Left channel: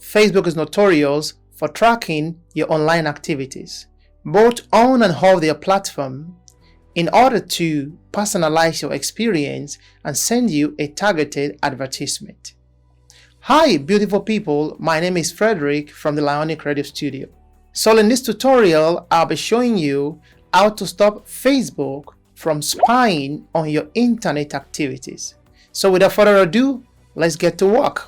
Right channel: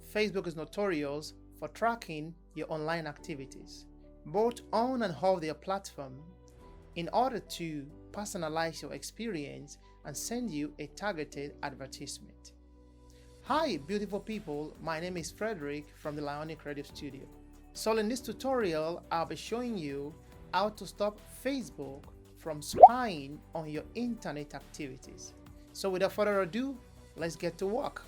Facebook is notorious for tracking your online activities, both on and off their platform, in order to personalize your experience and send you a targeted advertisement. Hi, beautiful people. My name is Frederick from the Thelionics Radio Studio. So in this tutorial, I'll be showing you how to stop Facebook from spying on your internet activities. So without further ado, let's get to work.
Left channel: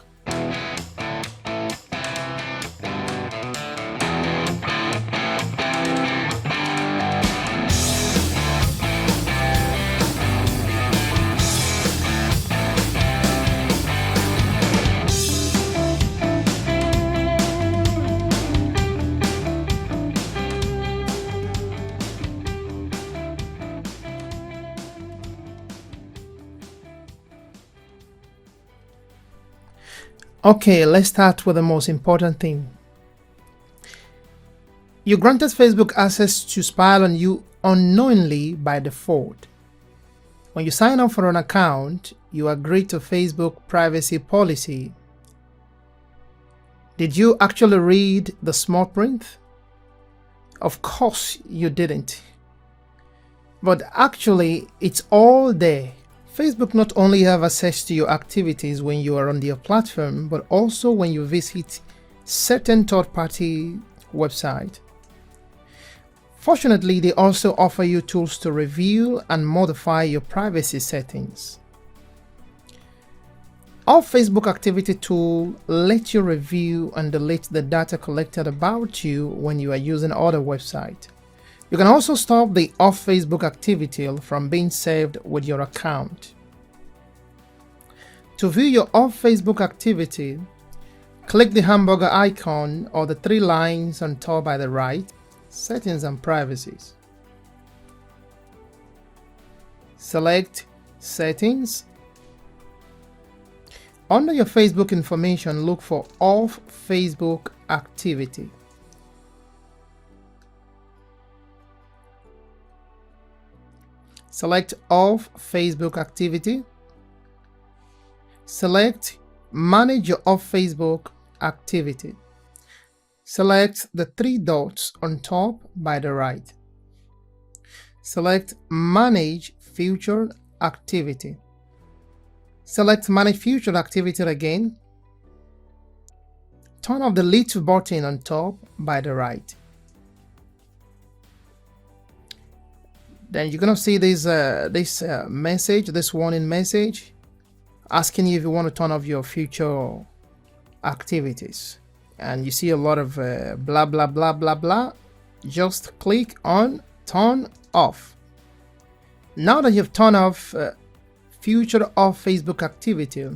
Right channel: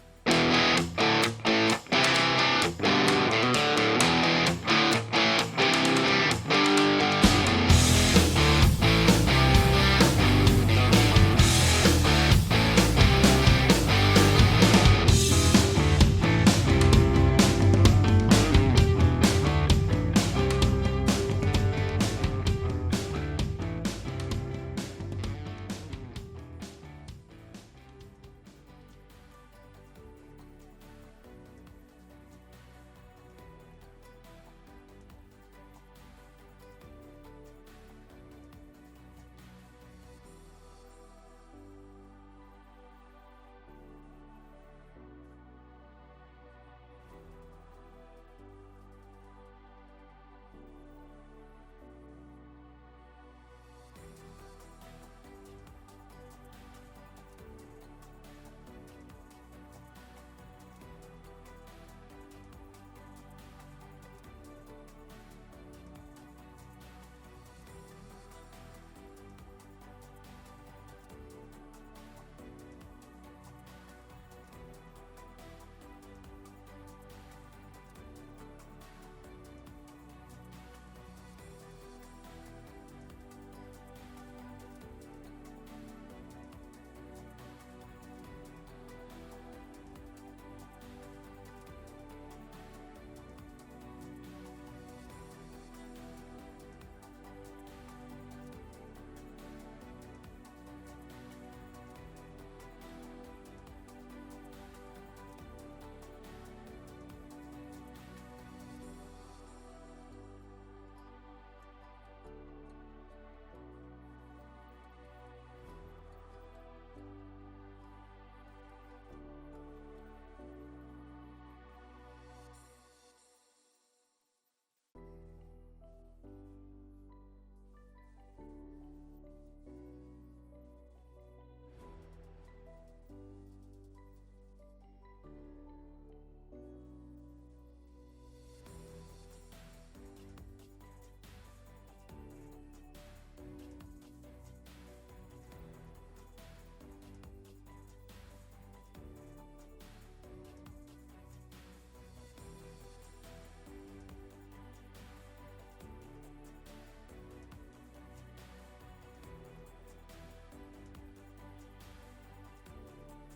Okay, let's start with the most important thing. You granted Facebook access to spy on you unknowingly by default. When you sign up for an account, you agree to Facebook privacy policy. Did you actually read the small print? Of course you didn't. But actually, it's all there. Facebook not only have access to your activities when you are on their platform, but also when you visit certain third-party websites. Fortunately, they also offer you tools to review and modify your privacy settings. Our Facebook Activity tool lets you review and delete the data collected about you when you are using other websites. You can also stop the off Facebook activity from being saved with your account. To view your off Facebook activity, click the hamburger icon or the three lines on top by the right, Settings and Privacies. Select Settings. Under your Facebook information, look for Off Facebook Activity. Select Off Facebook Activity. Select Manage your Off Facebook Activity. Select the three dots on top by the right. Select Manage Future Activity. Select Manage Future Activity again. Turn off the little button on top by the right. Then you're gonna see this message, this warning message, asking you if you want to turn off your future activities. And you see a lot of blah blah blah blah blah. Just click on Turn Off. Now that you've turned off future off Facebook activity,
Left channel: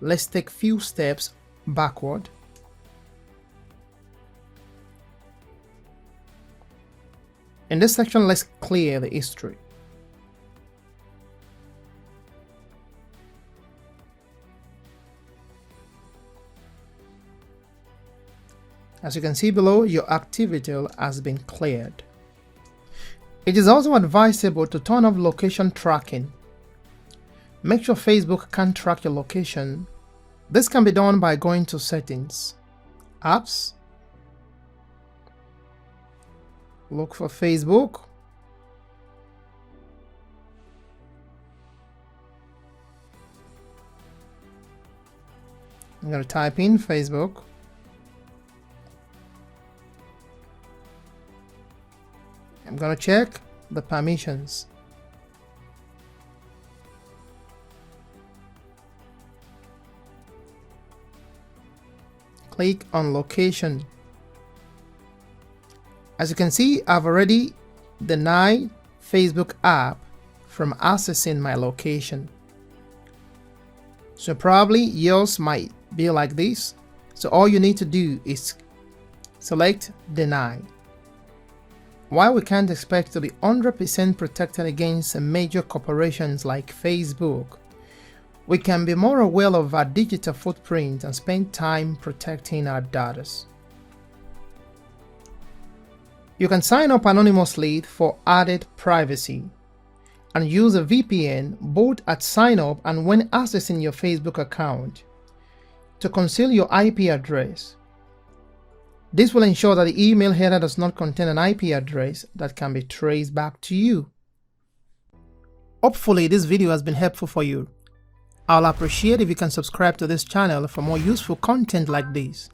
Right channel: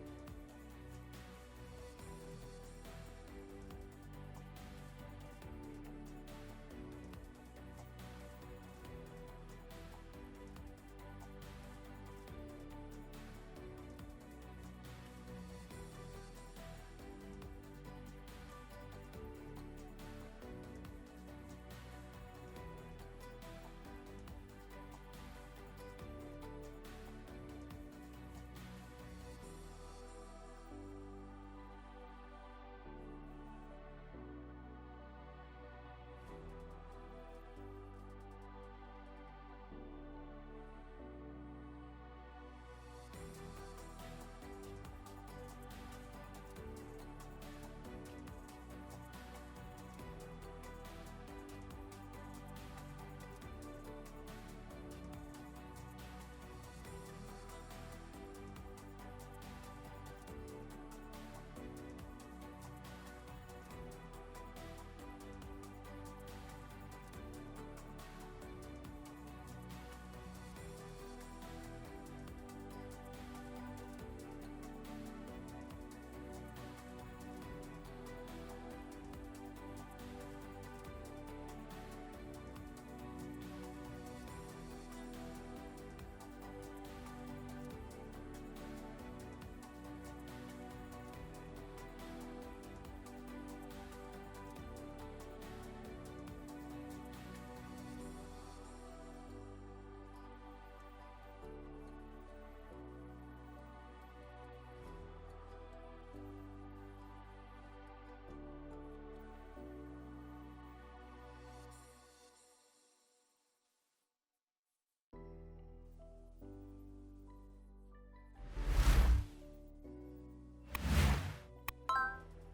let's take few steps backward. In this section, let's clear the history. As you can see below, your activity has been cleared. It is also advisable to turn off location tracking. Make sure Facebook can't track your location. This can be done by going to Settings, Apps, look for Facebook. I'm going to type in Facebook. I'm going to check the permissions. Click on Location. As you can see, I've already denied Facebook app from accessing my location. So probably yours might be like this. So all you need to do is select Deny. While we can't expect to be 100% protected against major corporations like Facebook, we can be more aware of our digital footprint and spend time protecting our data. You can sign up anonymously for added privacy and use a VPN both at sign up and when accessing your Facebook account. to conceal your IP address. This will ensure that the email header does not contain an IP address that can be traced back to you. Hopefully this video has been helpful for you. I'll appreciate if you can subscribe to this channel for more useful content like this.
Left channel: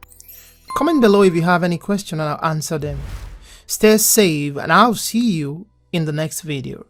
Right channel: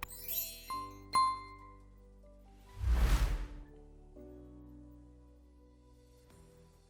Comment below if you have any question and I'll answer them. Stay safe and I'll see you in the next video.